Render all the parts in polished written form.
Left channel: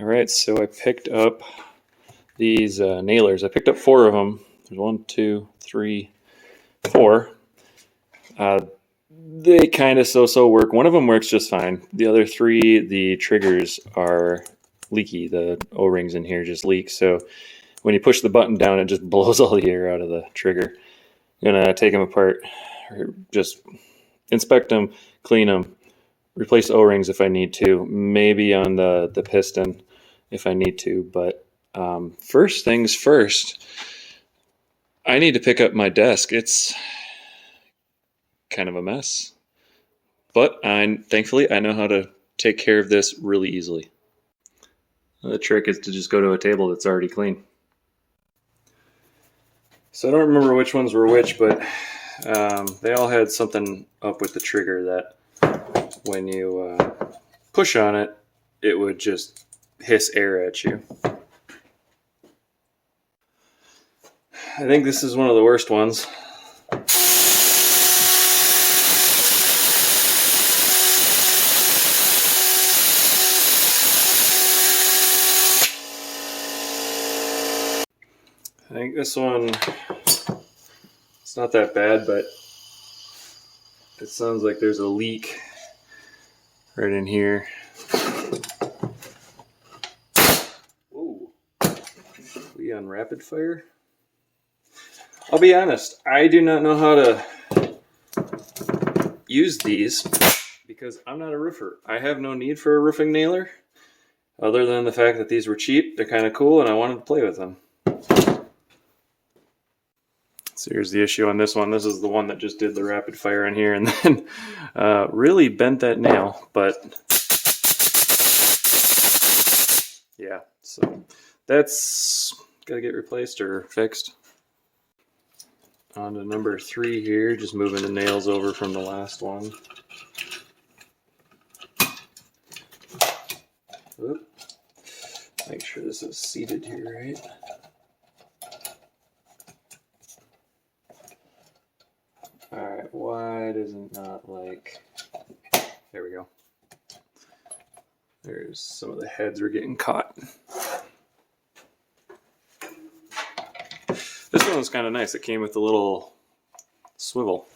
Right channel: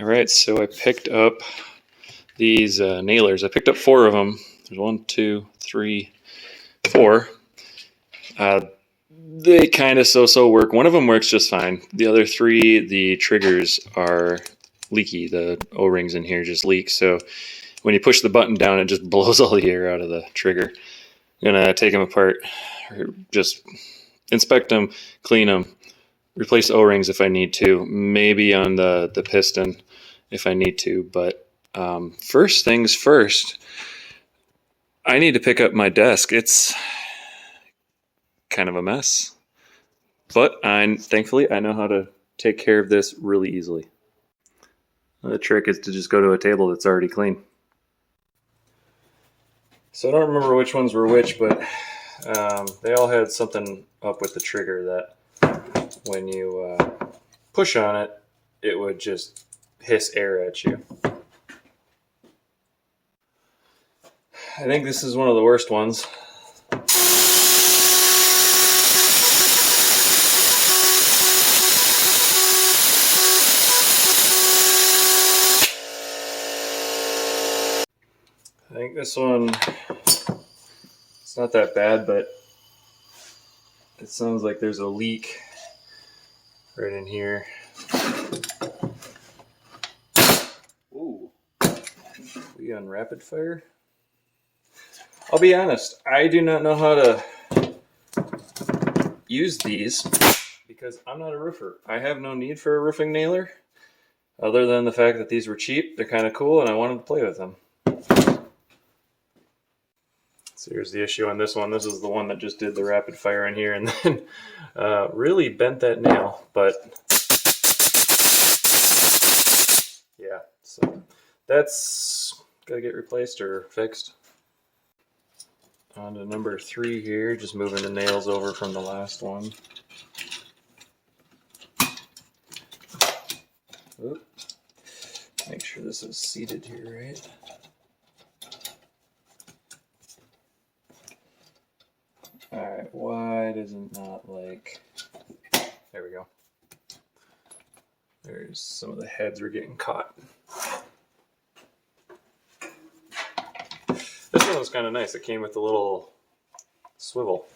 All right, so I picked up these nailers. I picked up 4 of them. There's 1, 2, 3, 4. They kind of so work. One of them works just fine. The other 3, the triggers are leaky. The O-rings in here just leak. So when you push the button down, it just blows all the air out of the trigger. I'm gonna take them apart, or just inspect them, clean them, replace O-rings if I need to. Maybe on the piston if I need to. But first things first, I need to pick up my desk. It's kind of a mess, but thankfully I know how to take care of this really easily. The trick is to just go to a table that's already clean. So I don't remember which ones were which, but they all had something up with the trigger that when you push on it, it would just hiss air at you. I think this is one of the worst ones. I think this one, it's not that bad, but it sounds like there's a leak right in here. Ooh, we on rapid fire? I'll be honest, I do not know how to use these because I'm not a roofer. I have no need for a roofing nailer other than the fact that these were cheap. They're kind of cool and I wanted to play with them. So here's the issue on this one. This is the one that just did the rapid fire in here and then really bent that nail. But yeah, so that's got to get replaced or fixed. On to number 3 here, just moving the nails over from the last one. Oop. Make sure this is seated here, right? Alright, why does it not like... There we go. There's some of the heads were getting caught. This one was kind of nice. It came with a little swivel.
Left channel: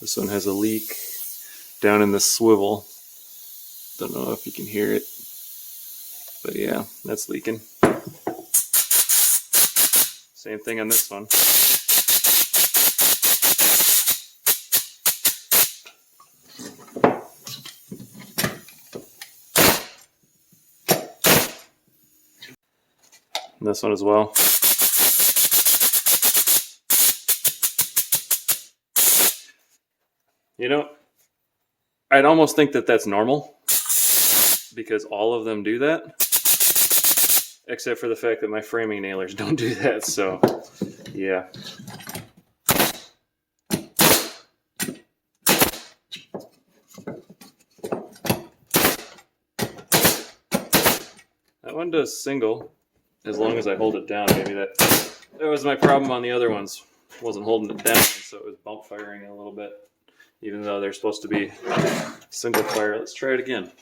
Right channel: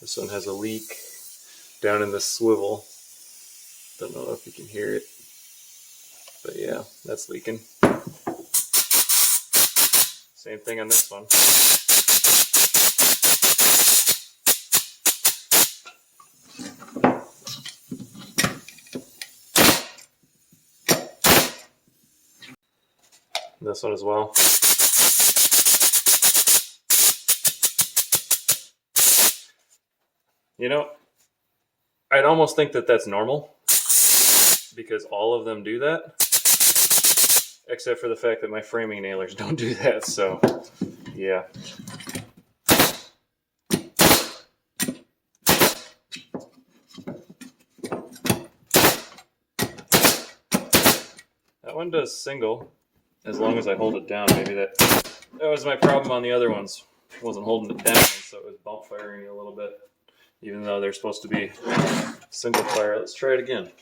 This one has a leak down in the swivel. Don't know if you can hear it. But yeah, that's leaking. Same thing on this one. And this one as well. You know, I'd almost think that that's normal because all of them do that. Except for the fact that my framing nailers don't do that, so yeah. That one does single, as long as I hold it down. Maybe that was my problem on the other ones. Wasn't holding it down, so it was bump firing a little bit, even though they're supposed to be single fire. Let's try it again.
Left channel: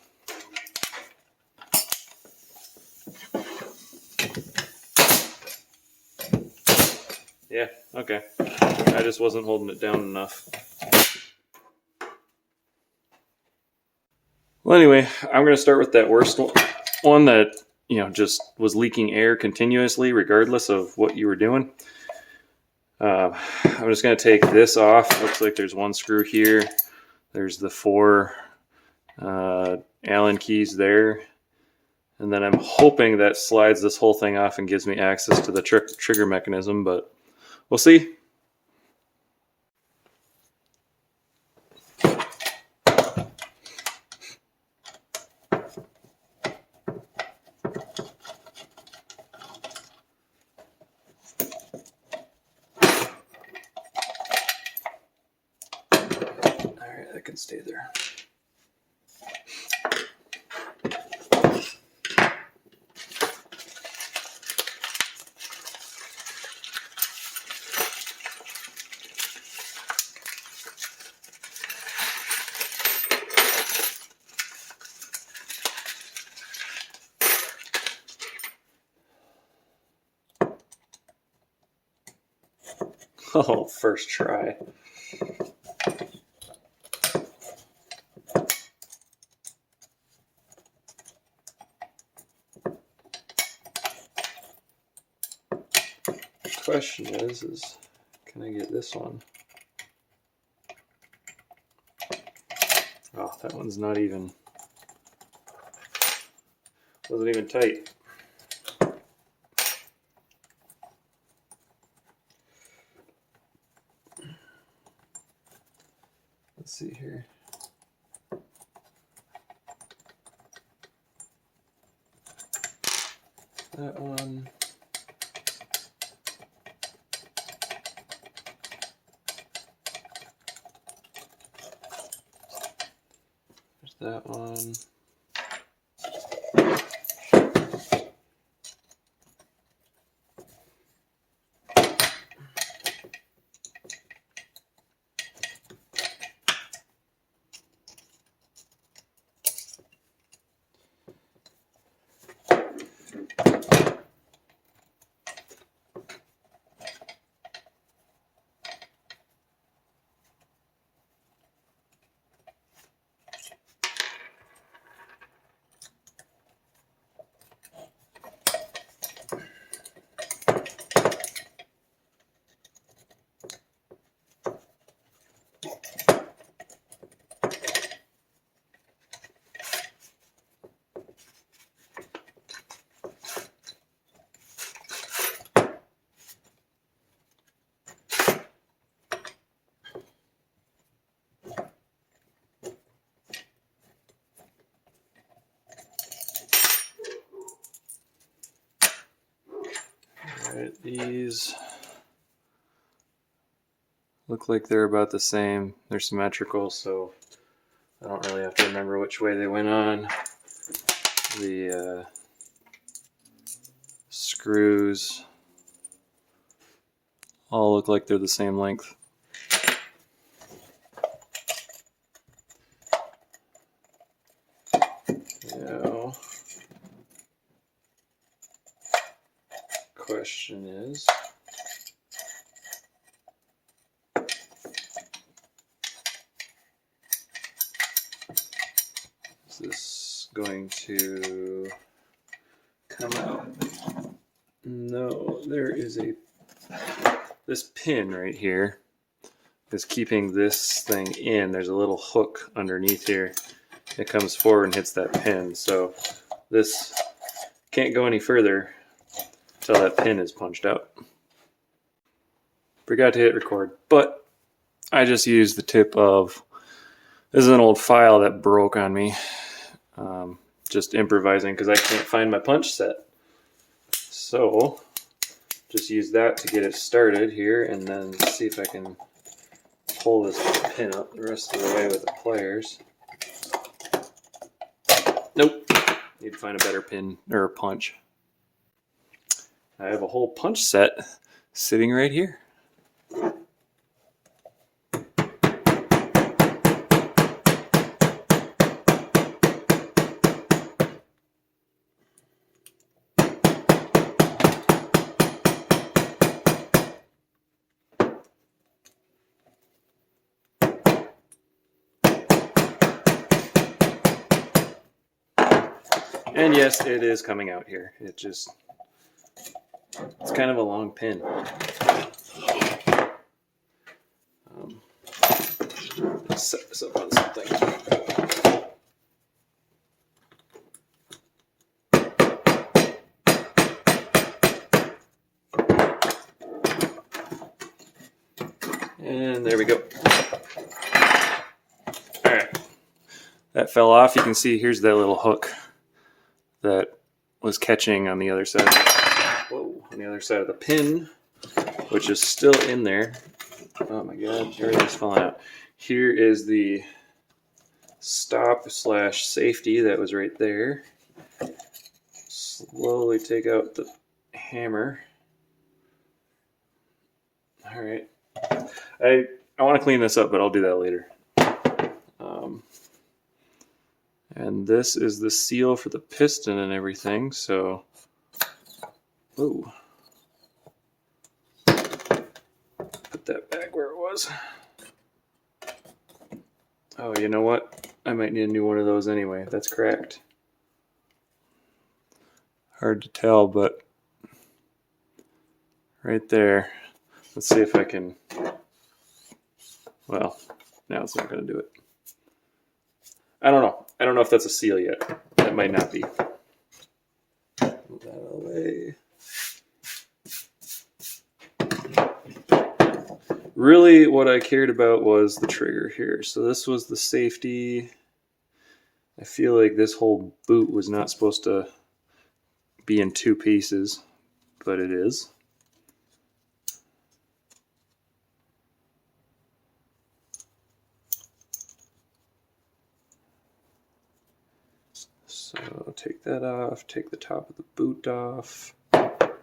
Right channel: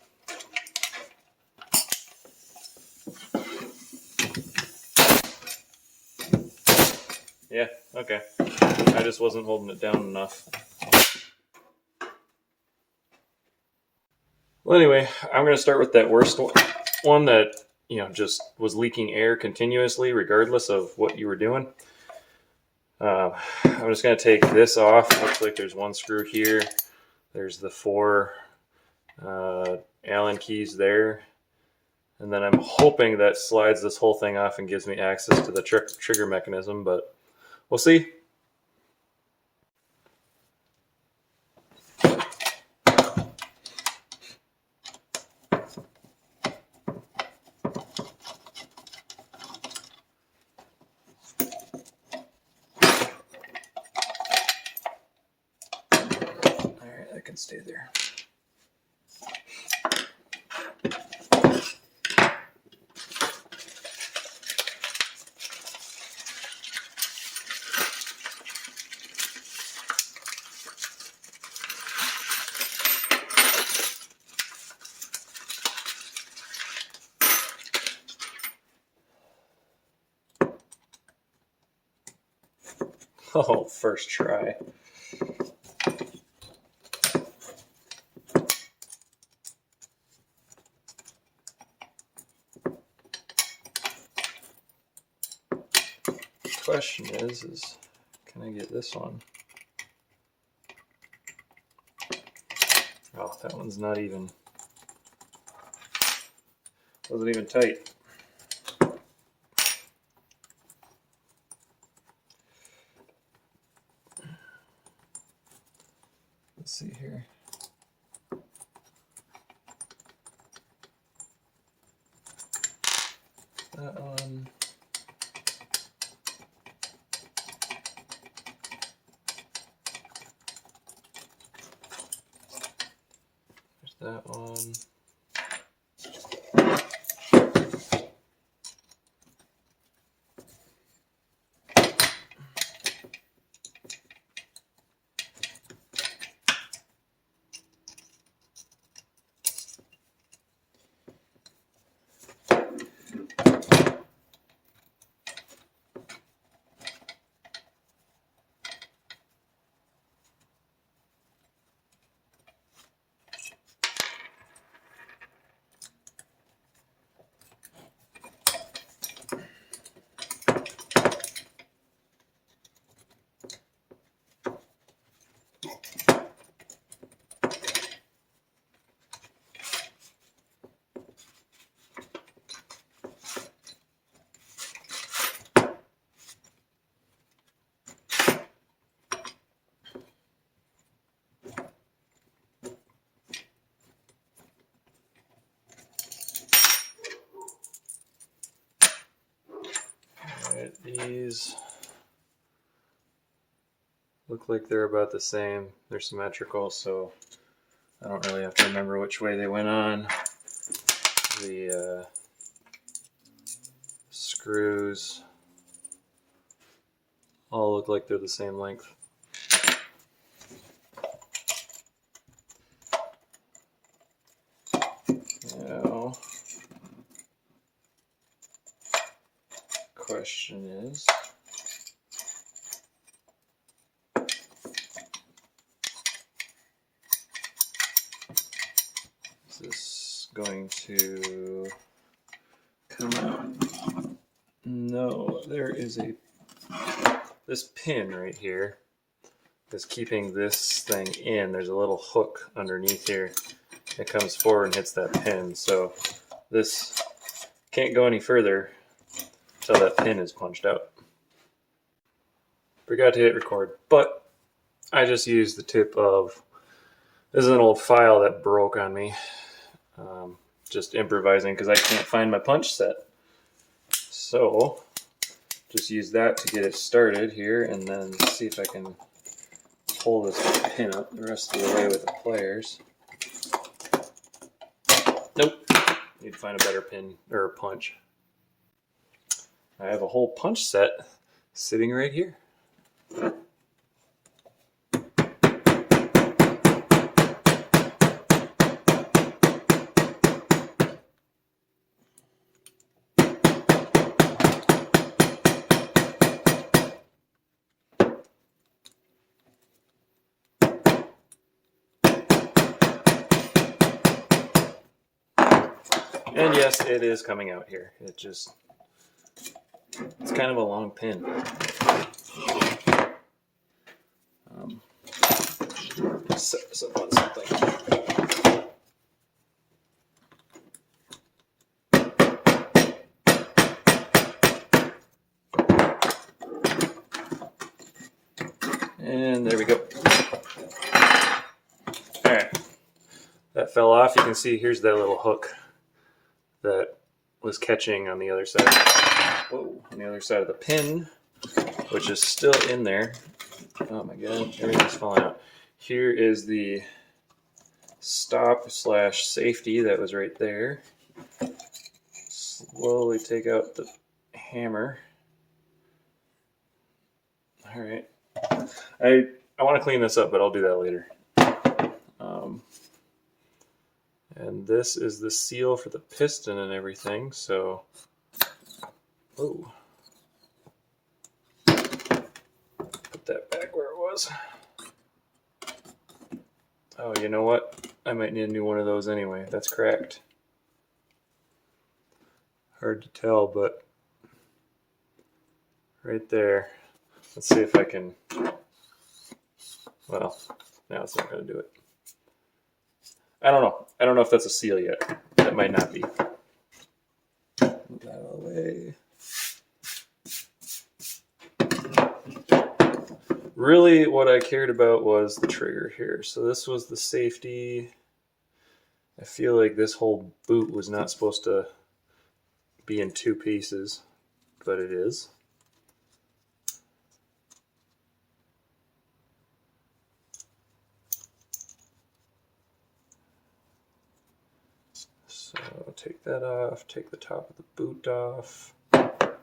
Yeah, okay. I just wasn't holding it down enough. Well, anyway, I'm going to start with that worst one that, you know, just was leaking air continuously regardless of what you were doing. I'm just going to take this off. Looks like there's one screw here. There's the 4 Allen keys there. And then I'm hoping that slides this whole thing off and gives me access to the trigger mechanism, but we'll see. All right, that can stay there. Oh, first try. The question is can I get this one? Oh, that one's not even, wasn't even tight. Let's see here. That one. There's that one. Alright, these look like they're about the same. They're symmetrical, so I don't really have to remember which way they went on. The screws all look like they're the same length. Now, question is, is this going to come out? No, there is this pin right here is keeping this thing in. There's a little hook underneath here. It comes forward and hits that pin. So this can't go any further until that pin is punched out. Forgot to hit record, but I just used the tip of, this is an old file that broke on me. Just improvising because I can't find my punch set. So just use that to get it started here, and then see if I can pull this pin up the rest of the way with the pliers. Nope. Need to find a better pin or a punch. I have a whole punch set sitting right here. And yes, it is coming out here. It's kind of a long pin. Set this up on something. And there we go. All right, that fell off. You can see here's that little hook that was catching on the other side. Whoa, on the other side of the pin, which is still in there. Oh my god, everything's falling out. Here is the stop/safety that was right there. Slowly take out the hammer. All right, I want to clean this up, but I'll do that later. And this is the seal for the piston and everything, so put that was. Oh, you know what? I might need a new one of those anyway. That's cracked. Hard to tell, but right there. Let's see if I can. Well, now it's not going to do it. I don't know. I don't know if that's a seal yet. That might not be. Move that out of the way. Really, what I cared about was the trigger here. So this was the safety. I feel like this whole boot was not supposed to be in two pieces, but it is. So take that off, take the top of the boot off. Put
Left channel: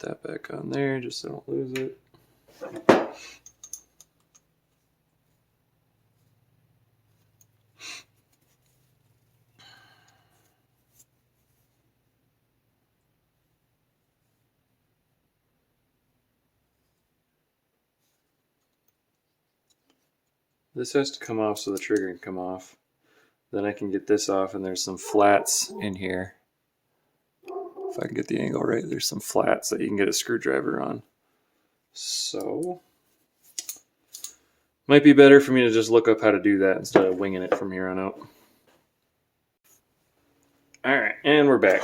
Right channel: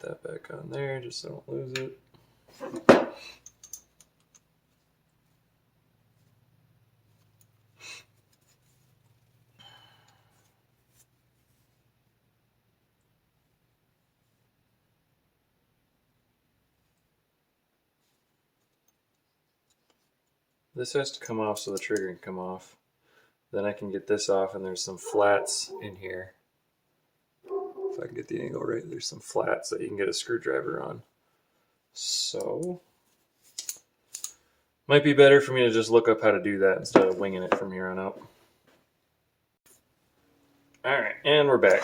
that back on there just so I don't lose it. This has to come off so the trigger can come off. Then I can get this off, and there's some flats in here. If I can get the angle right, there's some flats that you can get a screwdriver on. So, might be better for me to just look up how to do that instead of winging it from here on out. Alright, and we're back.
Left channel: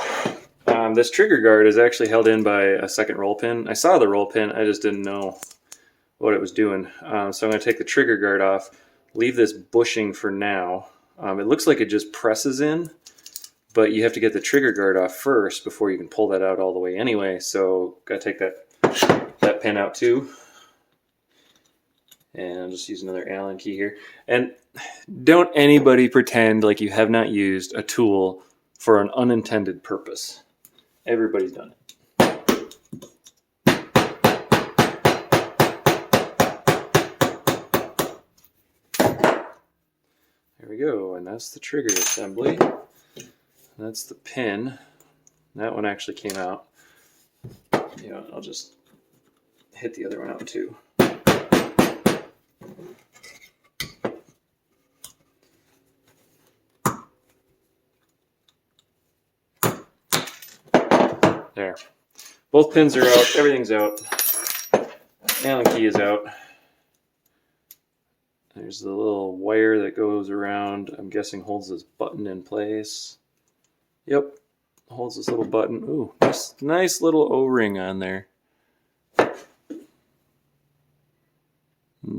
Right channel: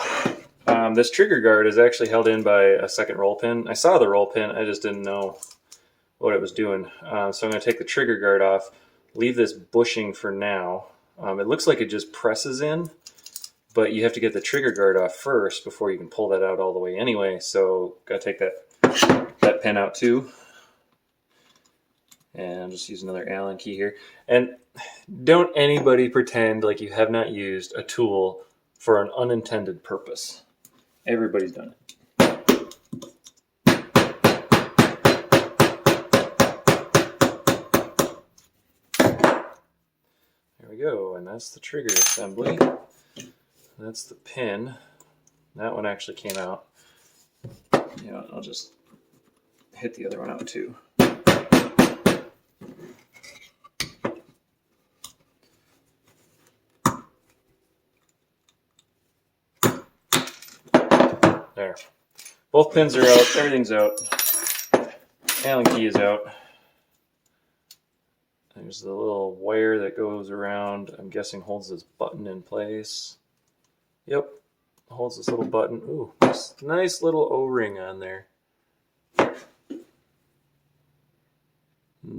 This trigger guard is actually held in by a second roll pin. I saw the roll pin, I just didn't know what it was doing. So I'm going to take the trigger guard off, leave this bushing for now. It looks like it just presses in, but you have to get the trigger guard off first before you can pull that out all the way anyway. So got to take that pin out too. And I'll just use another Allen key here. And don't anybody pretend like you have not used a tool for an unintended purpose. Everybody's done it. There we go, and that's the trigger assembly. That's the pin. That one actually came out. You know, I'll just hit the other one out too. There. Both pins are out. Everything's out. Allen key is out. There's the little wire that goes around. I'm guessing holds this button in place. Yep. Holds this little button. Ooh, nice little O-ring on there. And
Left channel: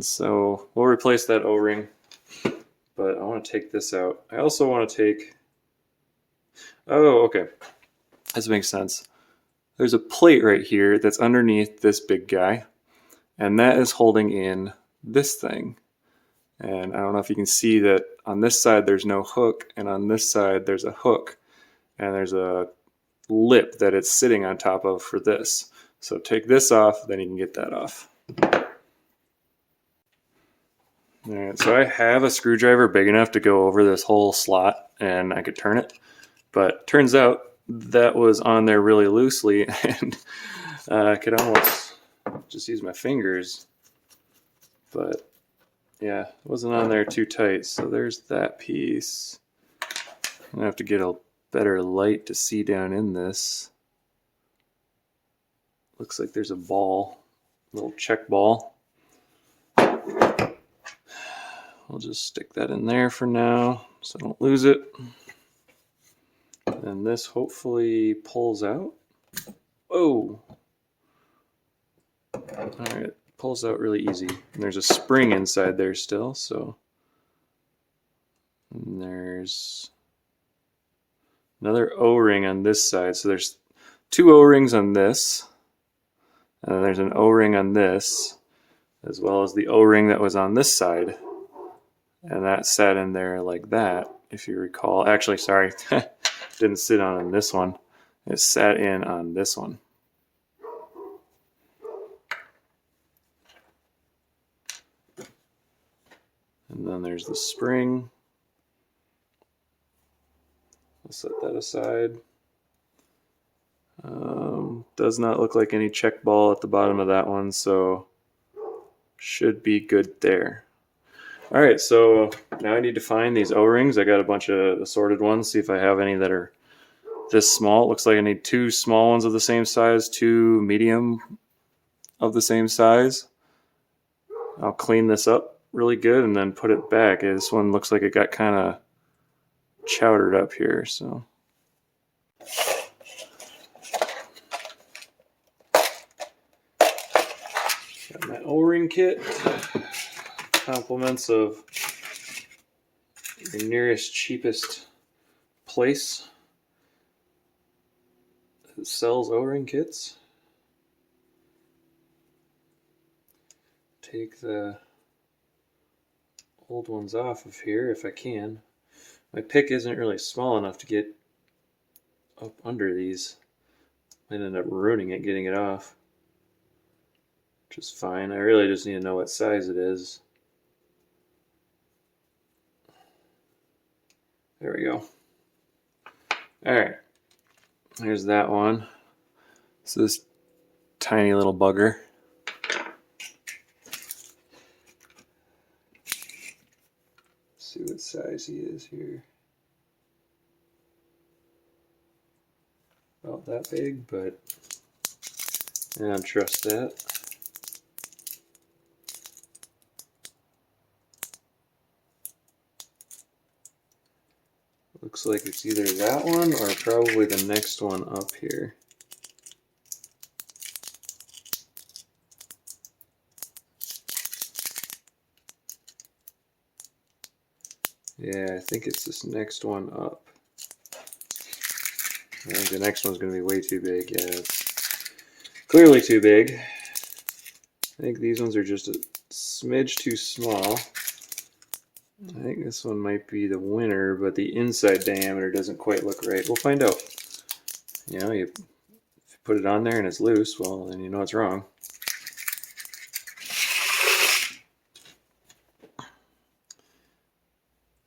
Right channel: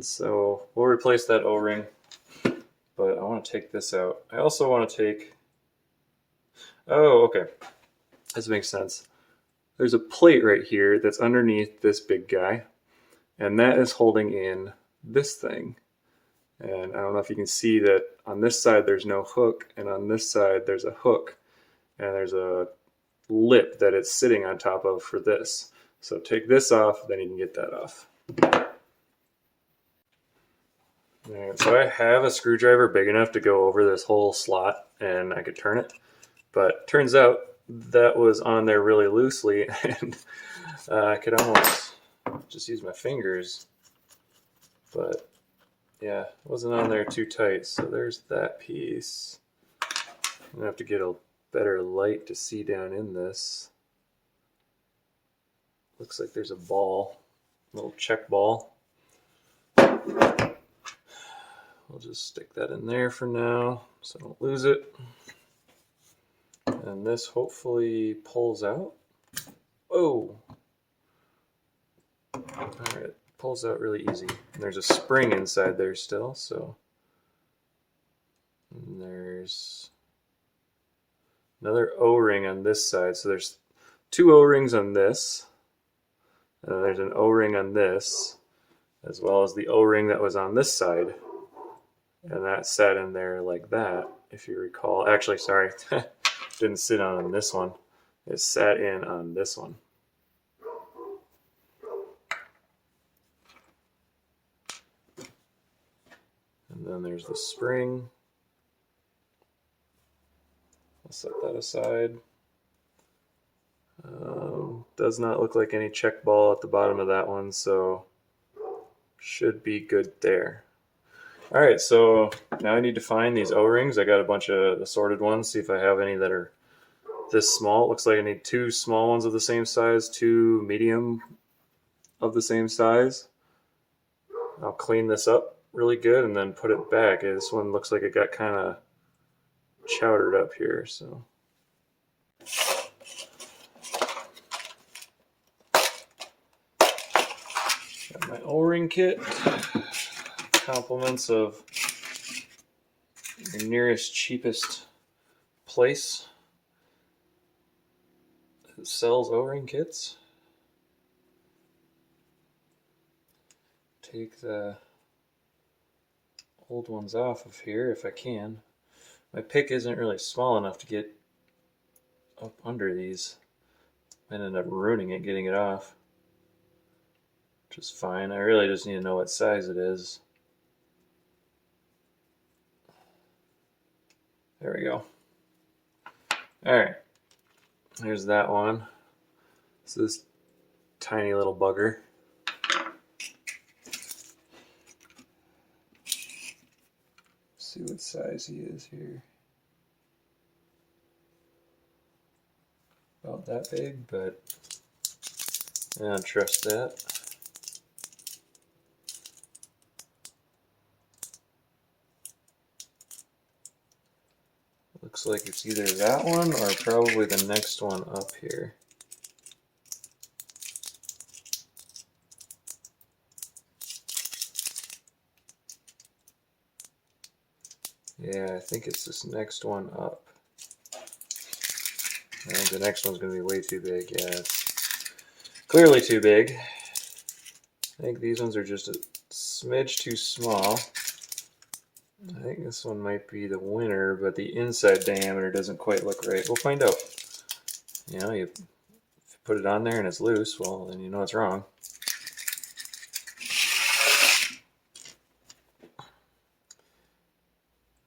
so we'll replace that O-ring. But I want to take this out. I also want to take... Oh, okay. This makes sense. There's a plate right here that's underneath this big guy, and that is holding in this thing. And I don't know if you can see that on this side there's no hook, and on this side there's a hook, and there's a lip that it's sitting on top of for this. So take this off, then you can get that off. All right, so I have a screwdriver big enough to go over this whole slot, and I could turn it, but turns out that was on there really loosely, and I could almost just use my fingers, but yeah, it wasn't on there too tight. So there's that piece. I'm gonna have to get a better light to see down in this. Looks like there's a ball, a little check ball. We'll just stick that in there for now so I don't lose it. And this hopefully pulls out. Oh! Alright, pulls out really easy. And there's a spring inside there still, so. And there's another O-ring on this side. So there's two O-rings on this. And then there's an O-ring on this, as well as the O-ring that was on this side. And that sat in there like that, if you recall. Actually, sorry. Didn't sit on this one. It sat in on this one. And then there's the spring. We'll set that aside. Does not look like any check ball at the bottom of that one, so Should be good there. All right, so now I need to find these O-rings. I got a bunch of assorted ones, see if I have any that are this small. It looks like I need 2 small ones of the same size, 2 medium of the same size. I'll clean this up really good and then put it back. This one looks like it got kind of chowdered up here, so. Got my O-ring kit. Compliments of your nearest cheapest place that sells O-ring kits. Take the old ones off of here if I can. My pick isn't really small enough to get up under these. Might end up ruining it getting it off, which is fine. I really just need to know what size it is. There we go. All right, here's that one. It's this tiny little bugger. See what size he is here. About that big, but I don't trust that. Looks like it's either that one or probably the next one up here. Yeah, I think it's this next one up. I think the next one's going to be way too big. Yeah, it's clearly too big. I think these ones are just a smidge too small. I think this one might be the winner, but the inside diameter doesn't quite look right. We'll find out. You know, if you put it on there and it's loose, well, then you know it's wrong.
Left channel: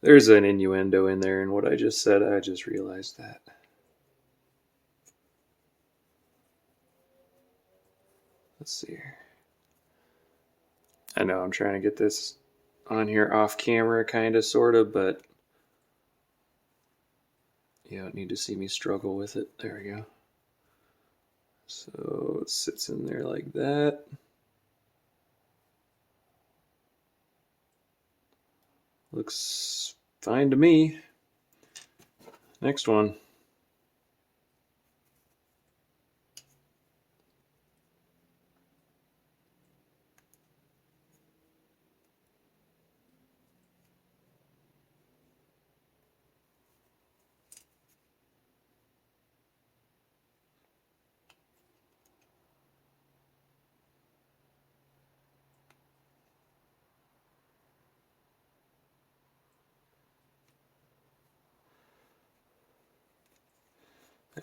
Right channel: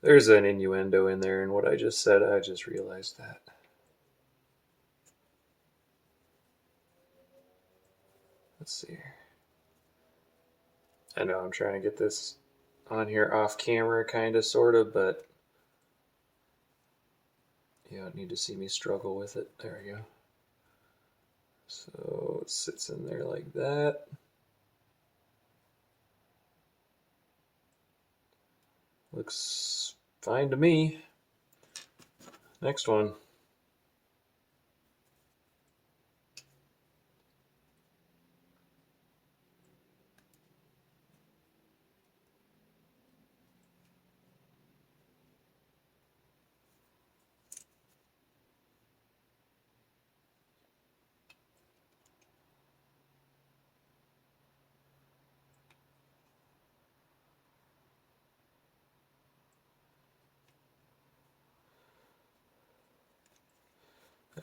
There's an innuendo in there in what I just said. I just realized that. Let's see here. I know I'm trying to get this on here off camera, kind of, sort of, but you don't need to see me struggle with it. There we go. So it sits in there like that. Looks fine to me. Next one.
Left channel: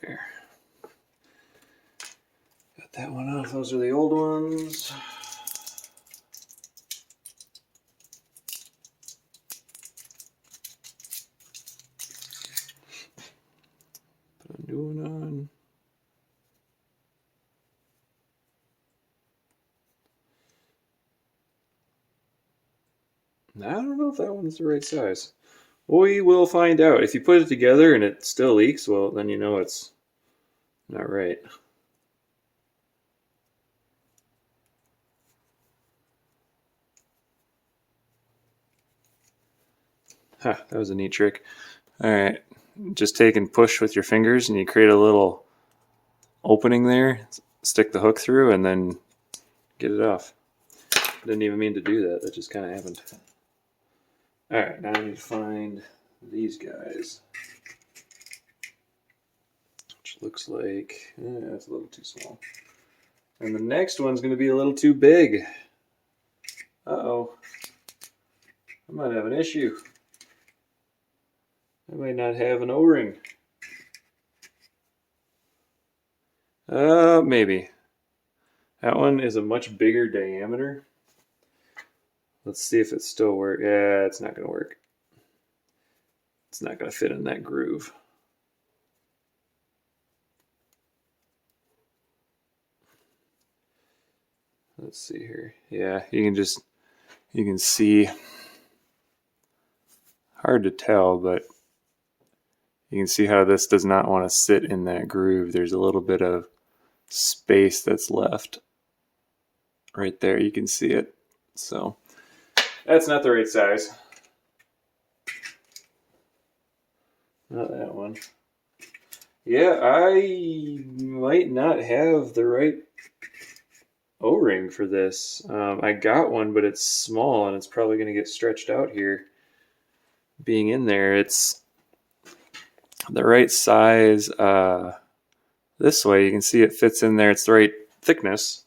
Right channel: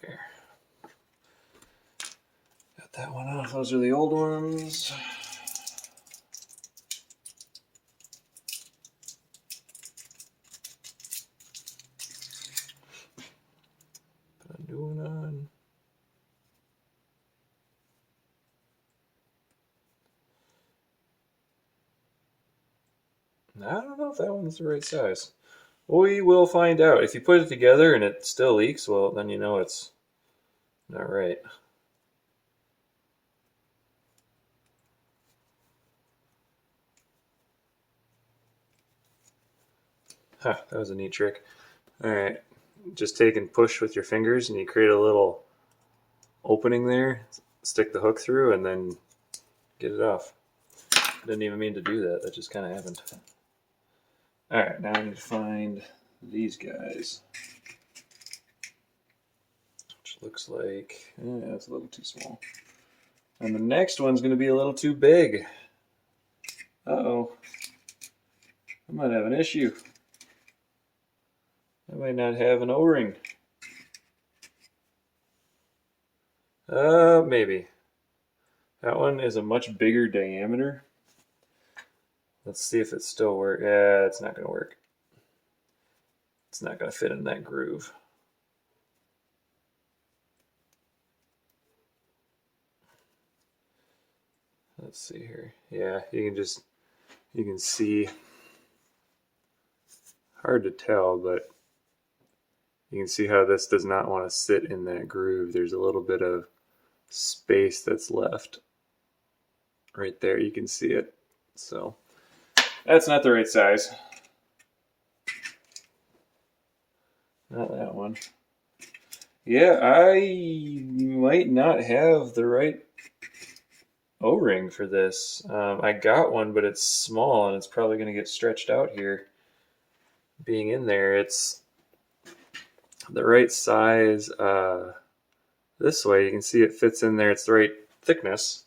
There. Got that one off. Those are the old ones. Put a new one on. I don't know if that one's the right size. We will find out. If you put it together and it still leaks, well, then you know it's not right. Huh, that was a neat trick. All right, just take and push with your fingers and you create a little opening there, stick the hook through, and then get it off. Didn't even mean to do that. That just kind of happened. All right, now I need to find these guys, which looks like it's a little too small. And the next one's going to be a little too big. Uh-oh. I might have an issue. I might not have an O-ring. Maybe. That one is a much bigger diameter. Let's see if it still works. Yeah, it's not going to work. It's not going to fit in that groove. let's see here. Yeah, you can see, hard to tell, but you can see how this does not want to sit in that groove. There's a little bit of space that's left right there. You can see it. So that's not the right size. Not that one. Yeah, I might not have the right O-ring for this. I got one, but it's small and it's probably going to get stretched out here. Being in there, it's the right size. This way, you can see it fits in there. It's the right thickness.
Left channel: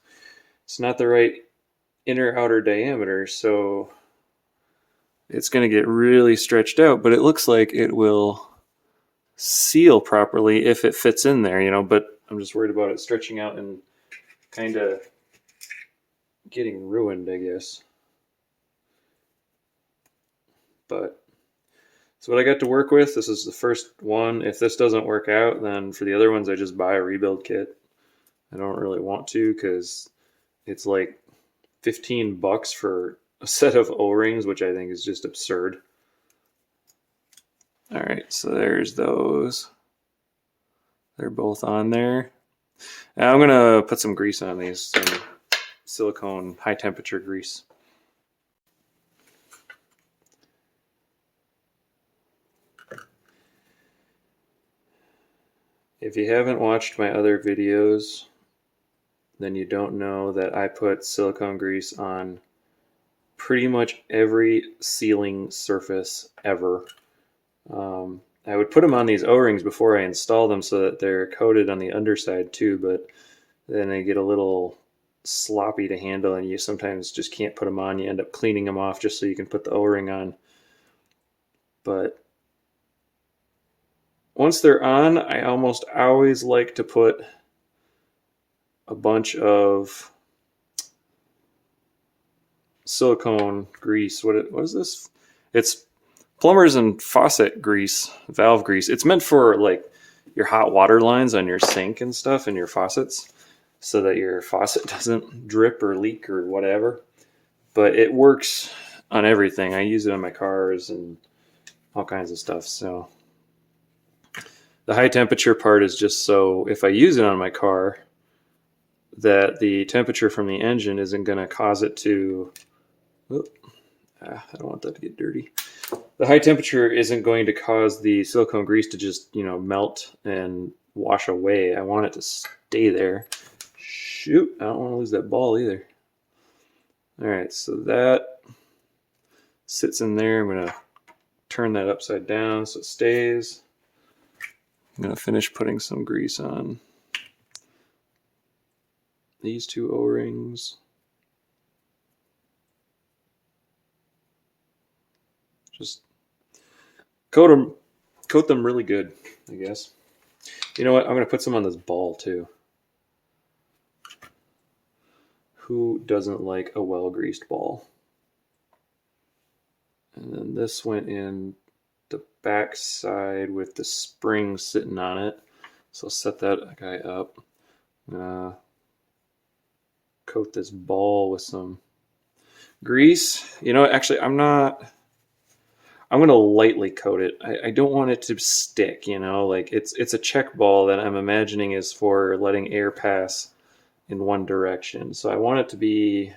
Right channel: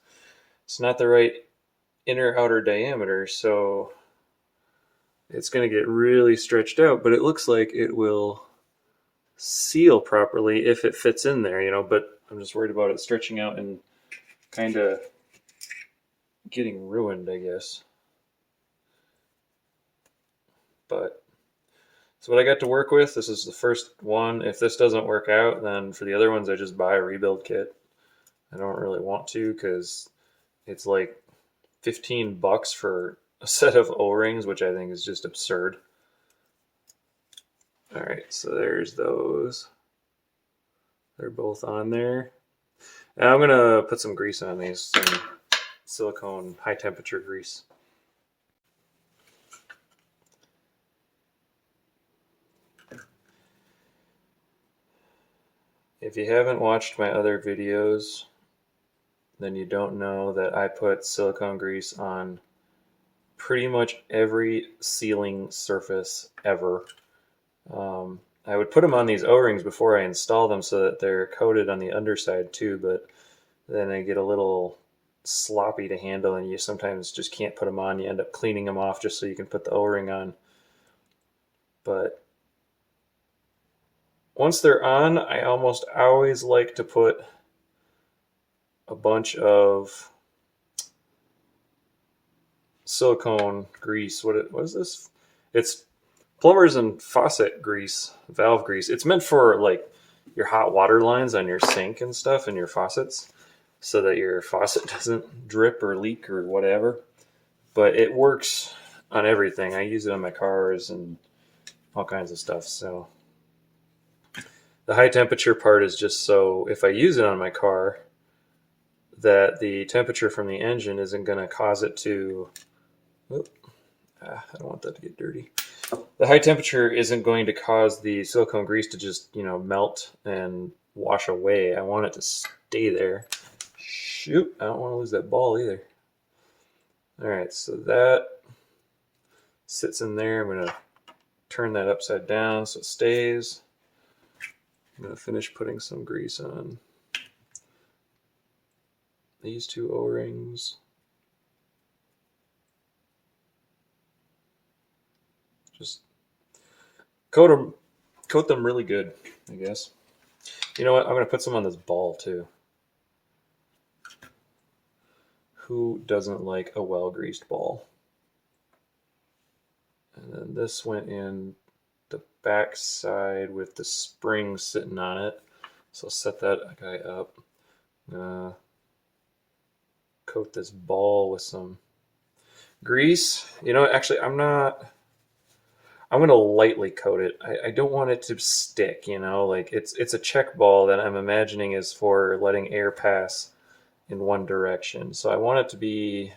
It's not the right inner outer diameter, so it's going to get really stretched out, but it looks like it will seal properly if it fits in there, you know, but I'm just worried about it stretching out and kind of getting ruined, I guess. But so what I got to work with, this is the first one. If this doesn't work out, then for the other ones, I just buy a rebuild kit. I don't really want to because it's like $15 for a set of O-rings, which I think is just absurd. All right, so there's those. They're both on there. And I'm gonna put some grease on these, some silicone high temperature grease. If you haven't watched my other videos, then you don't know that I put silicone grease on pretty much every sealing surface ever. I would put them on these O-rings before I install them so that they're coated on the underside too, but then they get a little sloppy to handle and you sometimes just can't put them on. You end up cleaning them off just so you can put the O-ring on. But once they're on, I almost always like to put a bunch of silicone grease. What is this? It's plumber's and faucet grease, valve grease. It's meant for like your hot water lines on your sink and stuff and your faucets so that your faucet doesn't drip or leak or whatever. But it works on everything. I use it on my cars and all kinds of stuff. So the high temperature part is just so if I use it on my car, that the temperature from the engine isn't going to cause it to, I don't want that to get dirty. The high temperature isn't going to cause the silicone grease to just, you know, melt and wash away. I want it to stay there. Shoot, I don't want to lose that ball either. All right, so that sits in there. I'm going to turn that upside down so it stays. I'm going to finish putting some grease on these two O-rings. Just coat them really good, I guess. You know what? I'm going to put some on this ball too. Who doesn't like a well-greased ball? And then this went in the back side with the spring sitting on it. So I'll set that guy up. Coat this ball with some grease. You know, actually, I'm going to lightly coat it. I don't want it to stick, you know, like it's a check ball that I'm imagining is for letting air pass in one direction. So I want it to be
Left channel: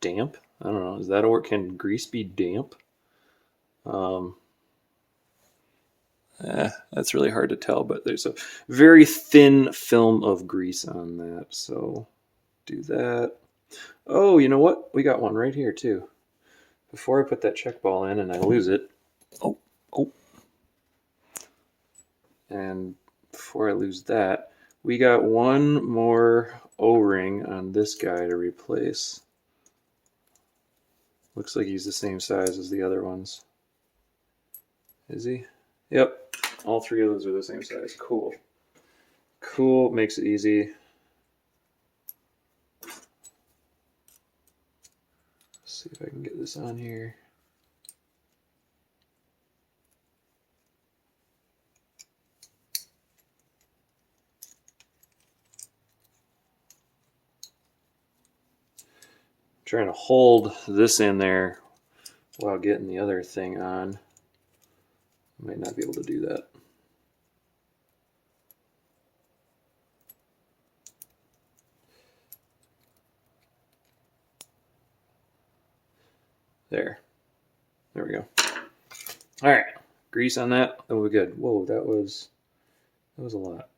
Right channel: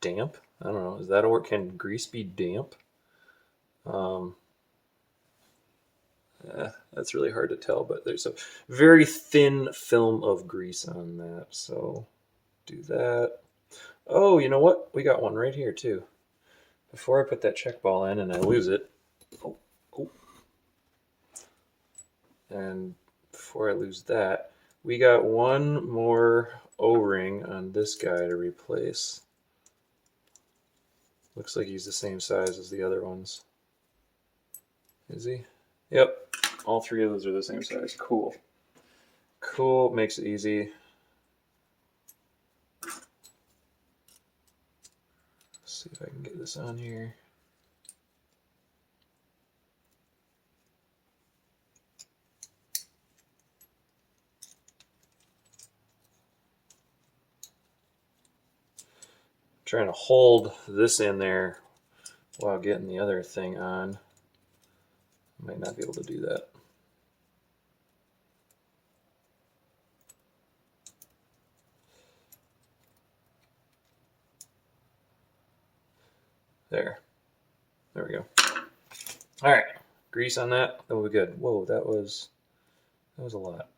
damp. I don't know. Is that a word? Can grease be damp? That's really hard to tell, but there's a very thin film of grease on that. So do that. Oh, you know what? We got one right here too. Before I put that check ball in and I lose it. Oh. And before I lose that, we got one more O-ring on this guy to replace. Looks like he's the same size as the other ones. Is he? Yep. All three of those are the same size. Cool. Cool. Makes it easy. Let's see if I can get this on here. trying to hold this in there while getting the other thing on. Might not be able to do that. There we go. All right, grease on that. That will be good. Whoa, that was a lot.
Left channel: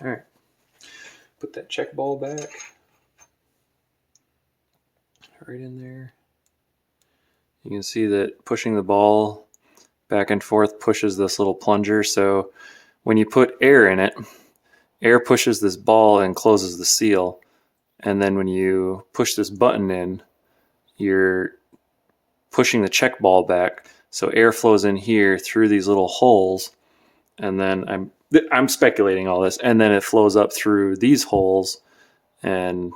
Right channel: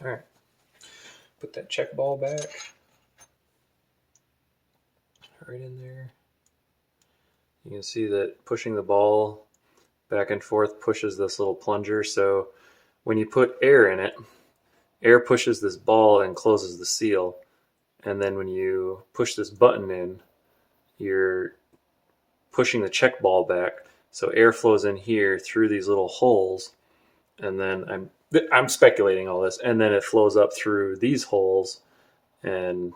All right, put that check ball back right in there. You can see that pushing the ball back and forth pushes this little plunger. So when you put air in it, air pushes this ball and closes the seal. And then when you push this button in, you're pushing the check ball back. So air flows in here through these little holes. And then I'm speculating all this. And then it flows up through these holes and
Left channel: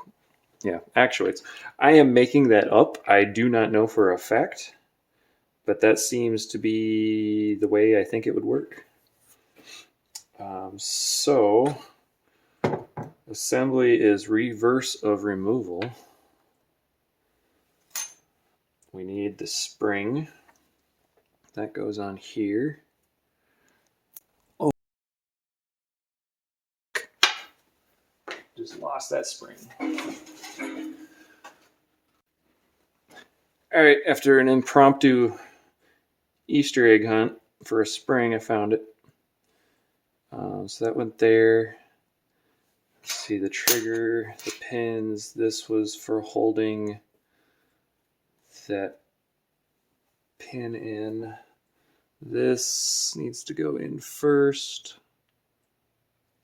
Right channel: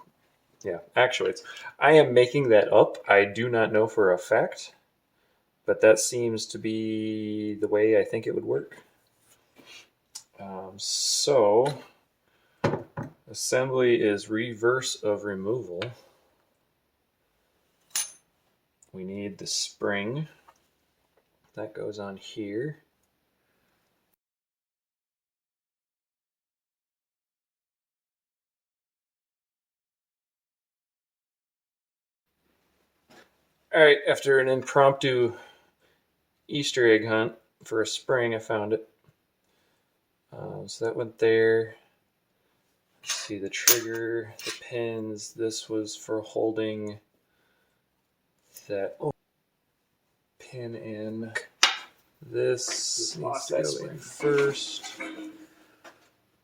yeah, actuates. I am making that up. I do not know for a fact, but that seems to be the way I think it would work. So assembly is reverse of removal. We need the spring that goes on here. Oh, just lost that spring. All right, after an impromptu Easter egg hunt for a spring, I found it. So that went there. Let's see, the trigger, the pins. This was for holding that pin in. This needs to go in first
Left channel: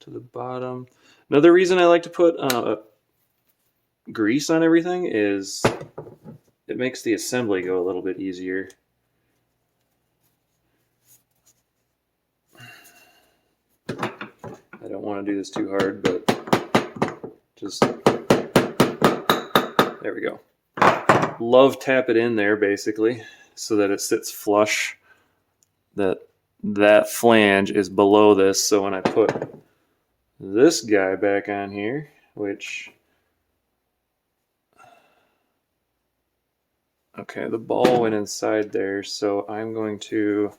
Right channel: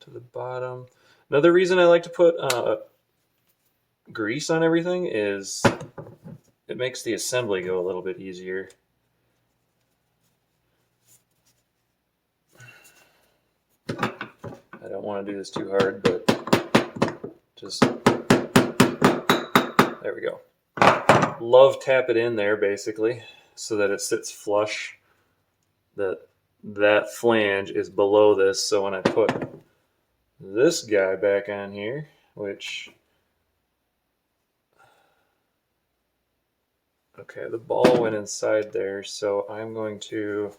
to the bottom. Another reason I like to put grease on everything is it makes the assembly go a little bit easier. I don't want to do this too hard, but just, there we go. Love tap it in there basically so that it sits flush, that flange is below this. So when I put this guy back on here, which, okay, the ball went inside there, so I'm going to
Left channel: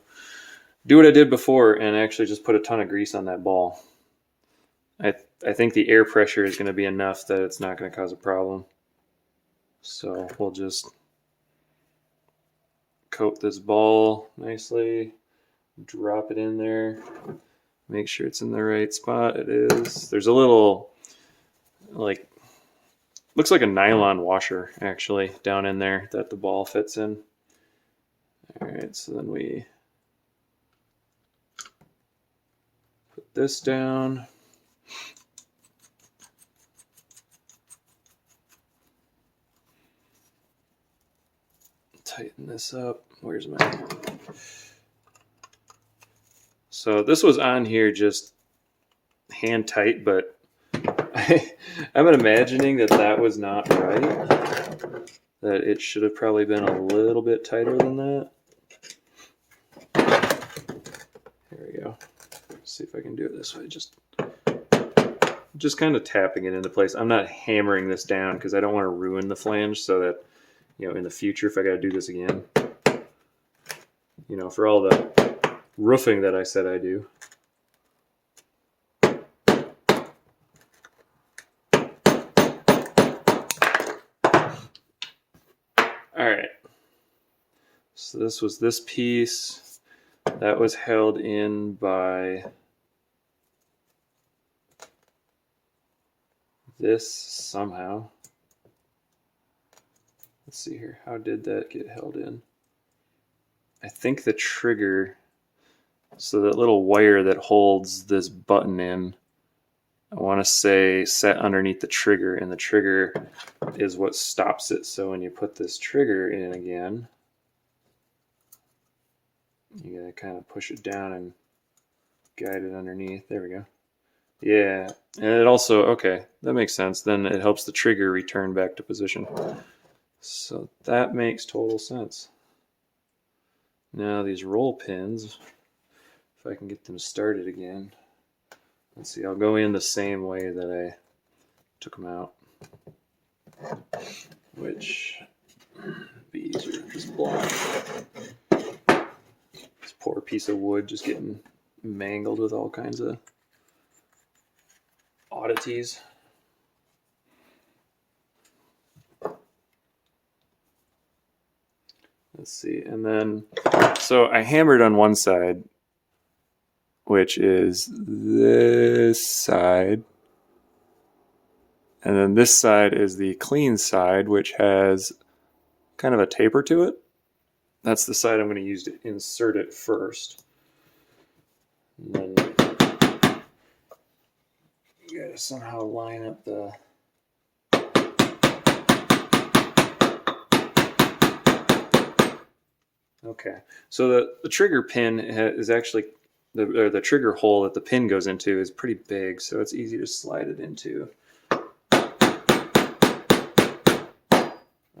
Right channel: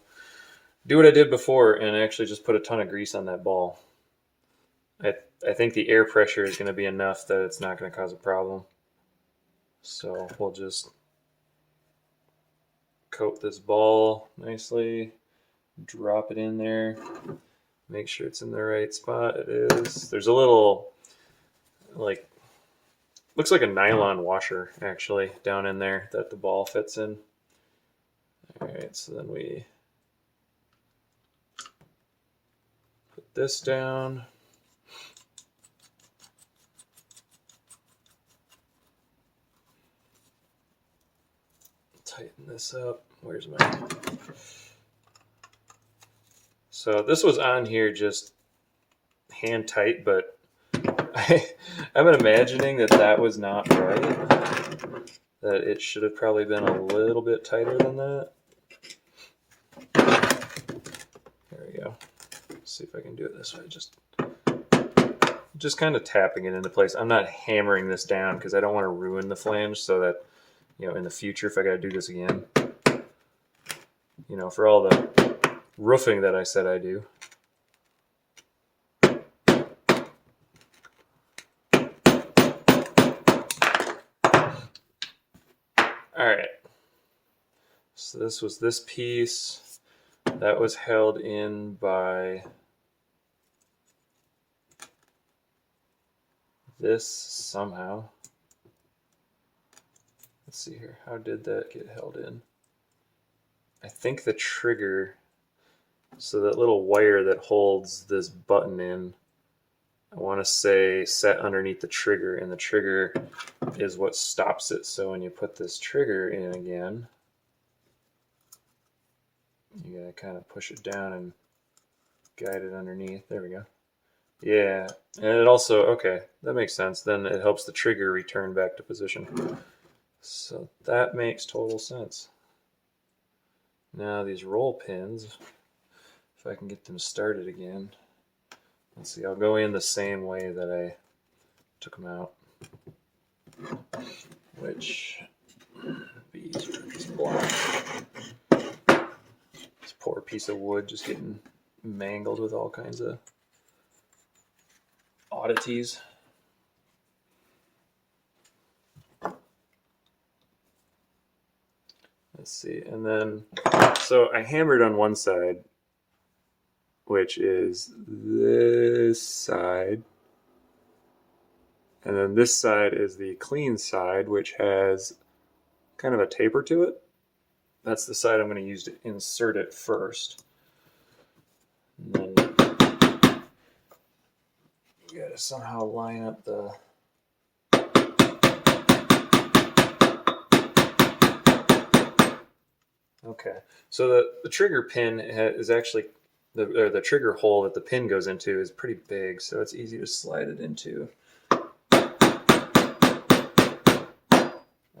do what I did before and actually just put a ton of grease on that ball. I think the air pressure is going to be enough that it's not going to cause a problem. So we'll just coat this ball nicely, drop it in there, make sure it's in the right spot. It is. There's a little, like, looks like a nylon washer actually down in there that the ball fits in. All right, so then we put this down. Tighten this up. Where's my... So this was on here just hand tight, but I'm imagining that was not right. That it should have probably been a little bit tighter than that. There we go. Let's see if I can do it this way. Just kind of tapping it into place. I'm not hammering this down because I don't want to ruin the flange, so that, you know, in the future, if I got to do this again, you know, for all the roofing that I said I do. All right. So this was this piece that was held in by this somehow. Let's see here. How did that get held in? I think the trigger, so that little wire that holds this button in, I want to say set underneath the trigger, and the trigger is what stops it. So when you put this trigger in again, you gotta kind of push it down and guide it underneath. There we go. Yeah, and it also, okay, that makes sense. Then it helps the trigger return back to position. So that makes total sense. Now these roll pins, if I can get them started again. Let's see, I'll go in the same way that I took them out, which would be easier to just block. This poor piece of wood just getting mangled with all kinds of oddities. Let's see, and then, so I hammered on one side, which is this side. And then this side is the clean side, which has kind of a taper to it. That's the side I'm going to use to insert it first. And then you got to somehow line up the... Okay, so the trigger pin is actually, the trigger hole that the pin goes into is pretty big, so it's easy to slide it into.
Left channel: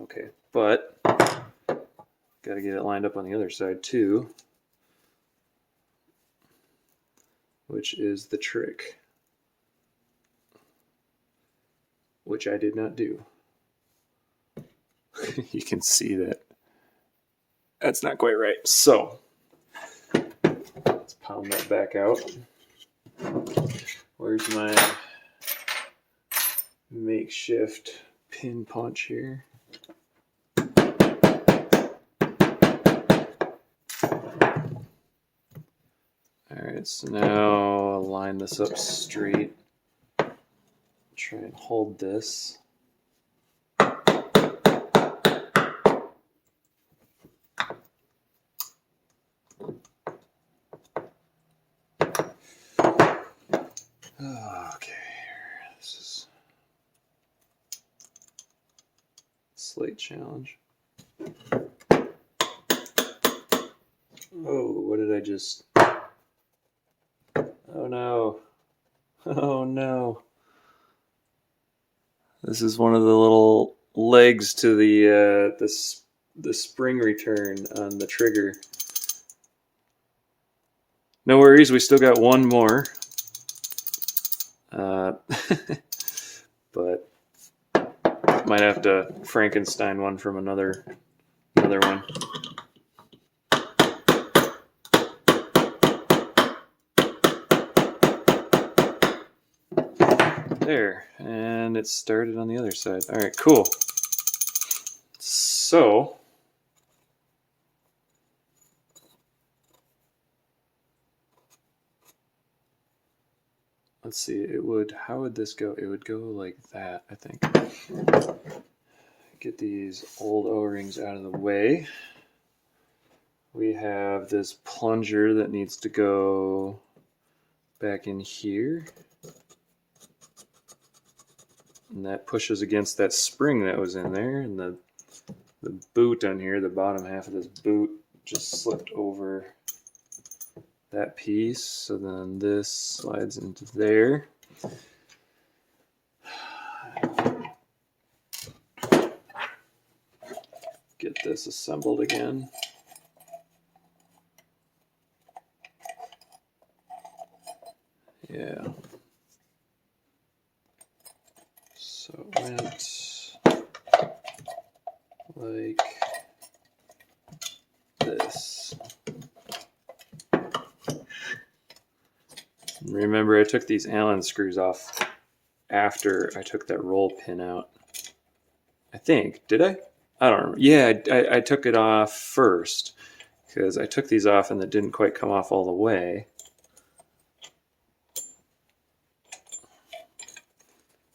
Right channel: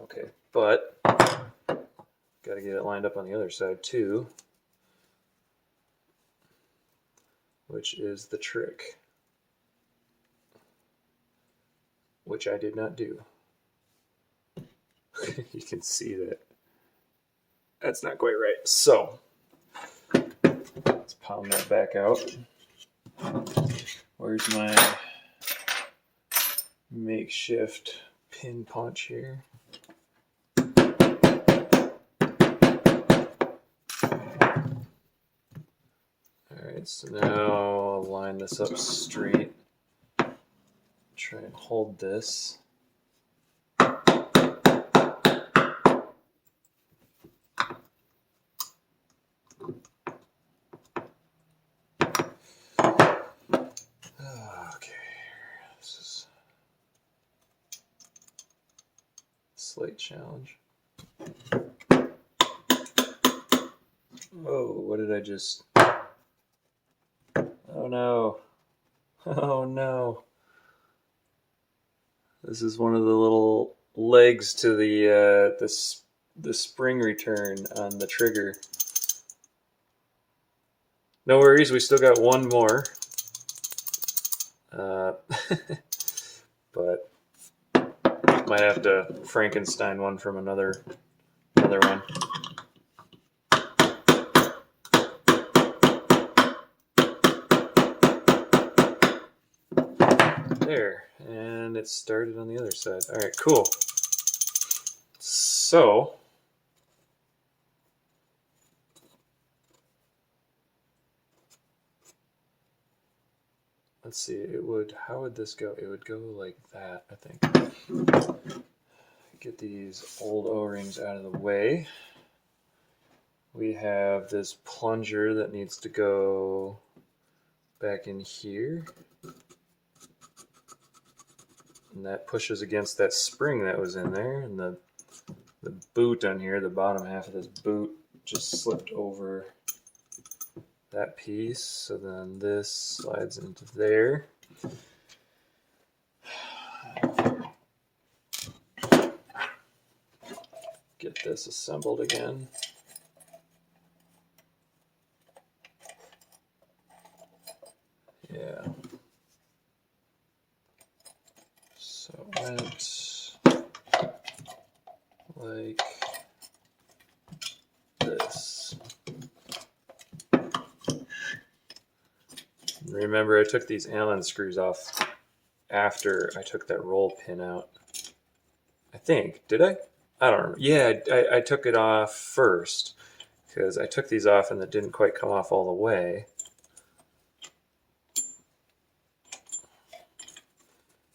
Okay, but got to get it lined up on the other side too, which is the trick, which I did not do. You can see that that's not quite right. So let's pound that back out. Where's my makeshift pin punch here? Alright, so now I'll line this up straight. Try and hold this. Okay, this is a slight challenge. Oh, what did I just... Oh no. Oh no. This is one of the little legs to the spring return on the trigger. No worries, we still got one more. But might have to Frankenstein one from another one. There, and it started on the other side. All right, cool. So let's see, it would, how would this go? It would go like that, I think. Get these old O-rings out of the way. We have this plunger that needs to go back in here. And that pushes against that spring that was in there, and the boot on here, the bottom half of this boot just slipped over that piece, so then this slides into there. Get this assembled again. Yeah. So it went like this. Remember, I took these Allen screws off after I took that roll pin out. I think, did I? I don't remember. Yeah, I took it off first because I took these off and it didn't quite come off all the way.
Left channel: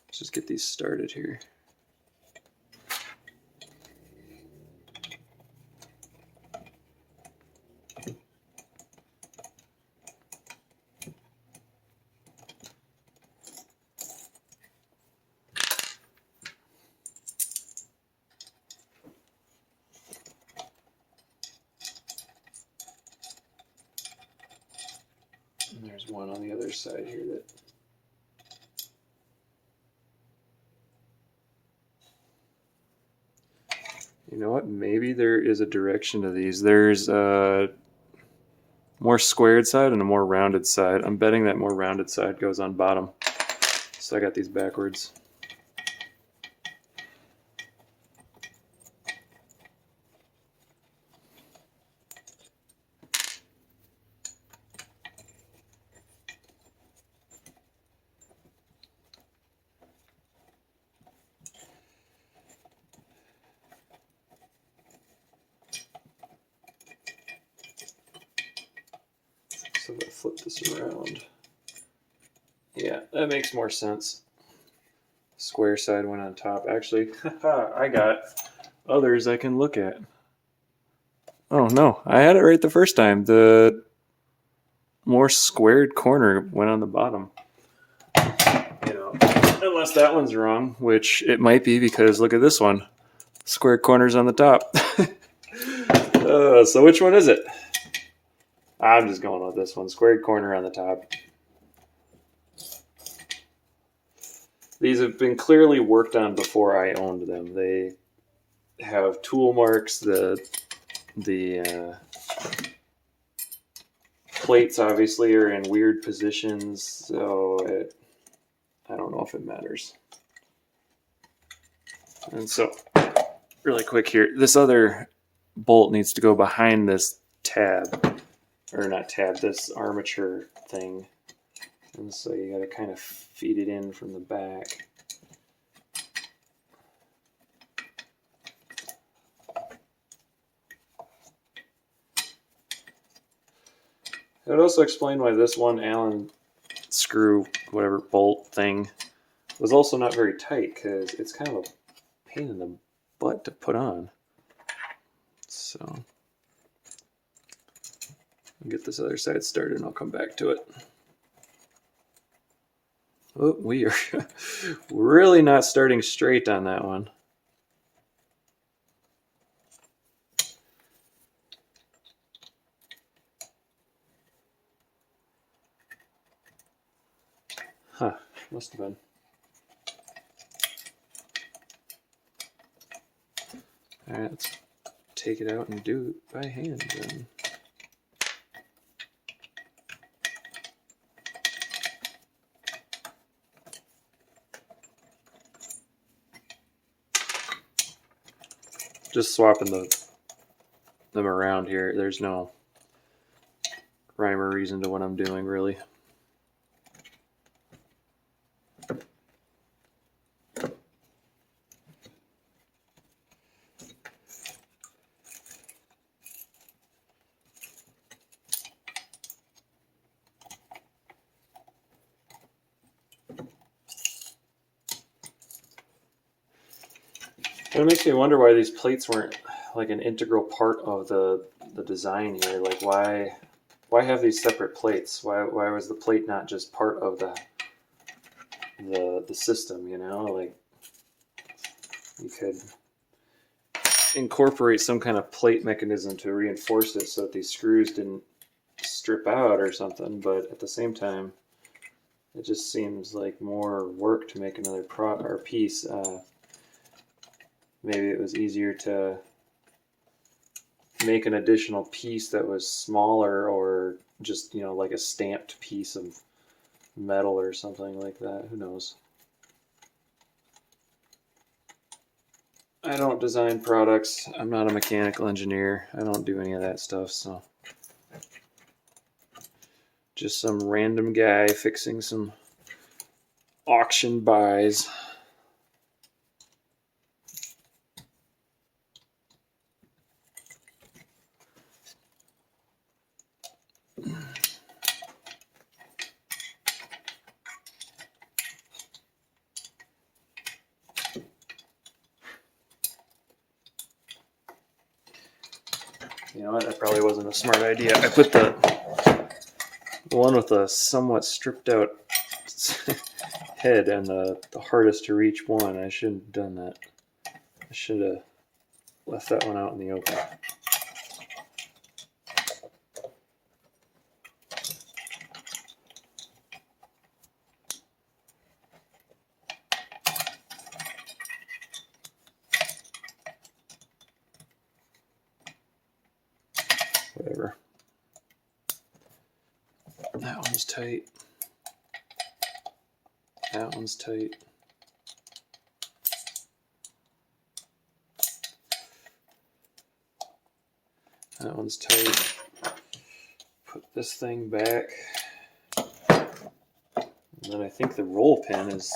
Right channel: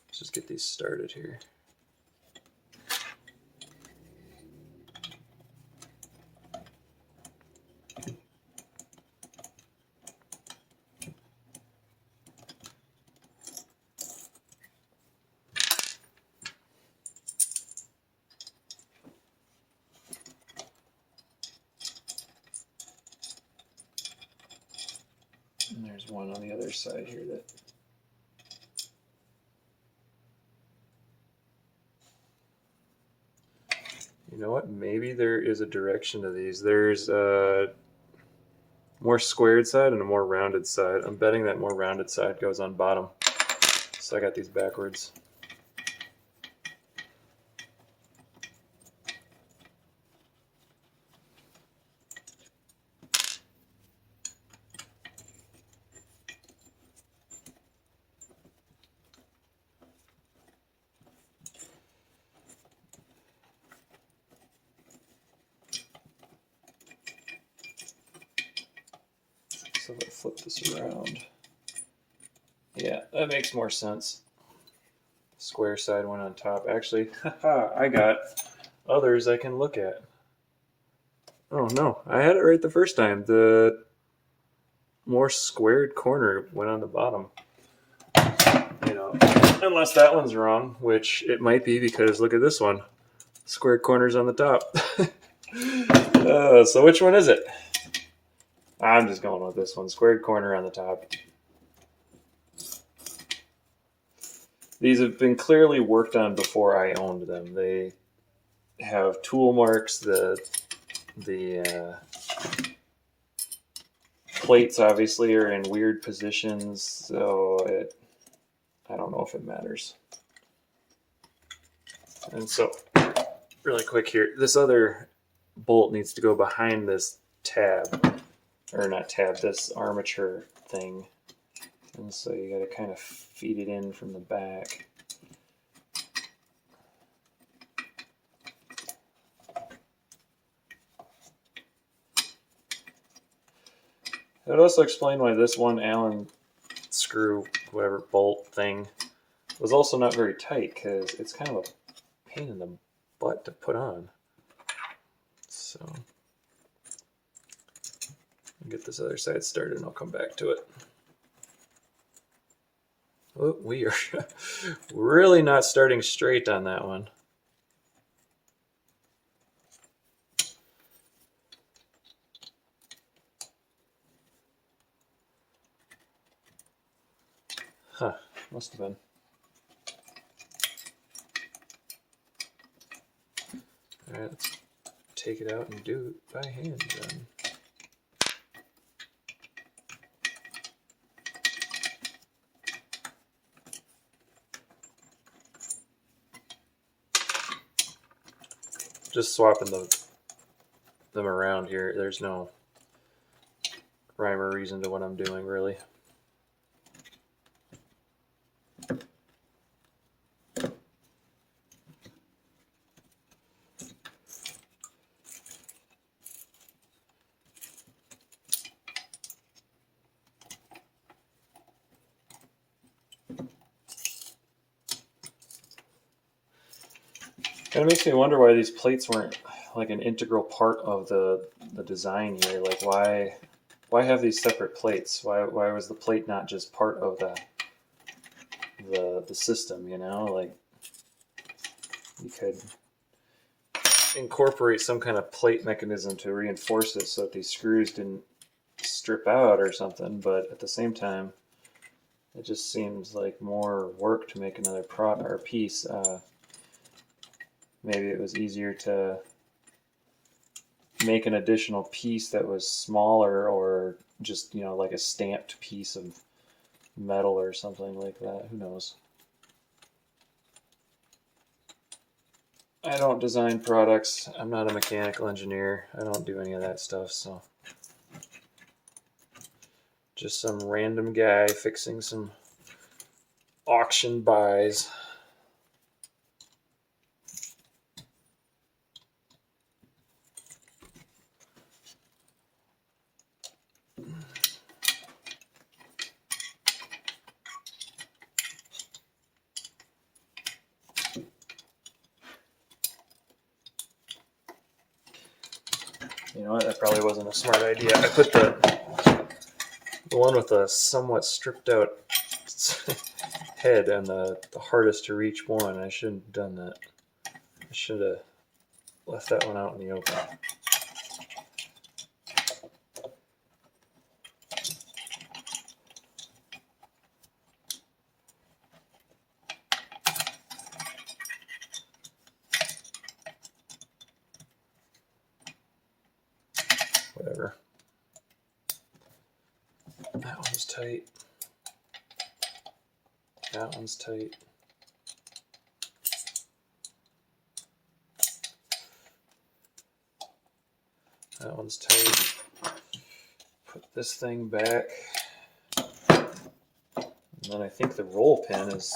Let's just get these started here. And there's one on the other side here that You know what? Maybe there is a direction to these. There's a more squared side and a more rounded side. I'm betting that more rounded side goes on bottom. So I got these backwards. So if I flip this around, yeah, that makes more sense. Square side went on top. Actually, I got others I can look at. Oh no, I had it right the first time. The more squared corner went on the bottom. You know, unless that one's wrong, which it might be because look at this one. Squared corner's on the top. So which one is it? I'm just going with this one. Squared corner on the top. These have been clearly worked on before I owned them. They have tool marks. The plates obviously are in weird positions, so I don't know if it matters. And so, really quick here, this other bolt needs to go behind this tab, or not tab, this armature thing. And so you got to kind of feed it in from the back. It would also explain why this one Allen screw, whatever bolt thing, was also not very tight, because it's kind of a pain in the butt to put on. So, I'll get this other side started and I'll come back to it. Oh, we are really not starting straight on that one. Huh, must have been. All right, let's take it out and do it by hand then. Just swapping them around here. There's no rhyme or reason to what I'm doing, really. And it makes me wonder why these plates weren't like an integral part of the design here. Like why have these separate plates? Why was the plate not just part of the system, you know? Like you could incorporate some kind of plate mechanism to reinforce it so that these screws didn't strip out or something, but at the same time it just seems like more work to make another piece. Maybe it was easier to make an additional piece that was smaller, or just, you know, like a stamped piece of metal or something like that. Who knows? I don't design products. I'm not a mechanical engineer. I don't do any of that stuff, so just some random guy fixing some auction buys. You know what? That probably wasn't a smart idea. I put the one with the somewhat stripped out head and the hardest to reach one. I shouldn't have done that. I should have left that one out in the open. tight. That one's tight. That one's tight. Put this thing back. And then I think the roll pin is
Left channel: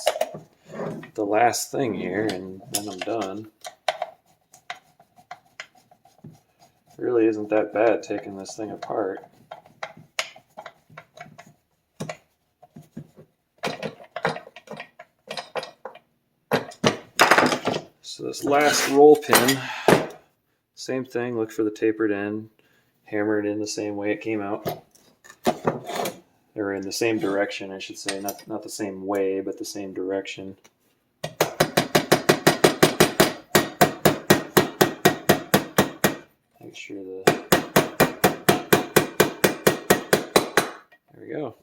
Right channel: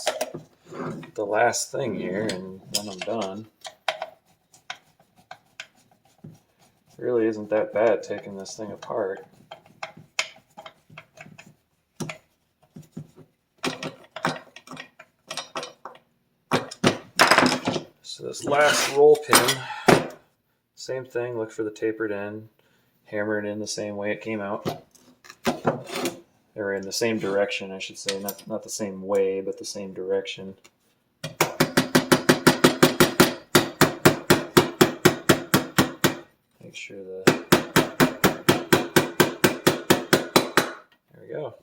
the last thing here, and then I'm done. It really isn't that bad taking this thing apart. So this last roll pin, same thing, look for the tapered end, hammer it in the same way it came out. Or in the same direction, I should say, not the same way, but the same direction. Make sure there we go.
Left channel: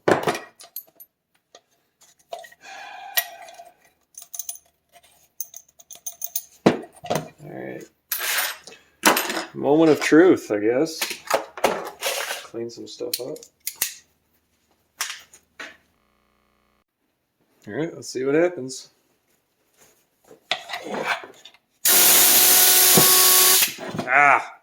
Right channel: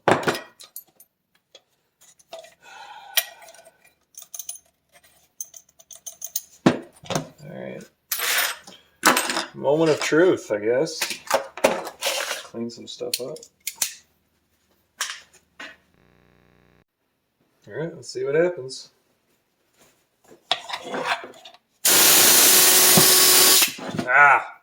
Alright. Moment of truth, I guess. Clean some stuff up. Alright, let's see what happens. Ah!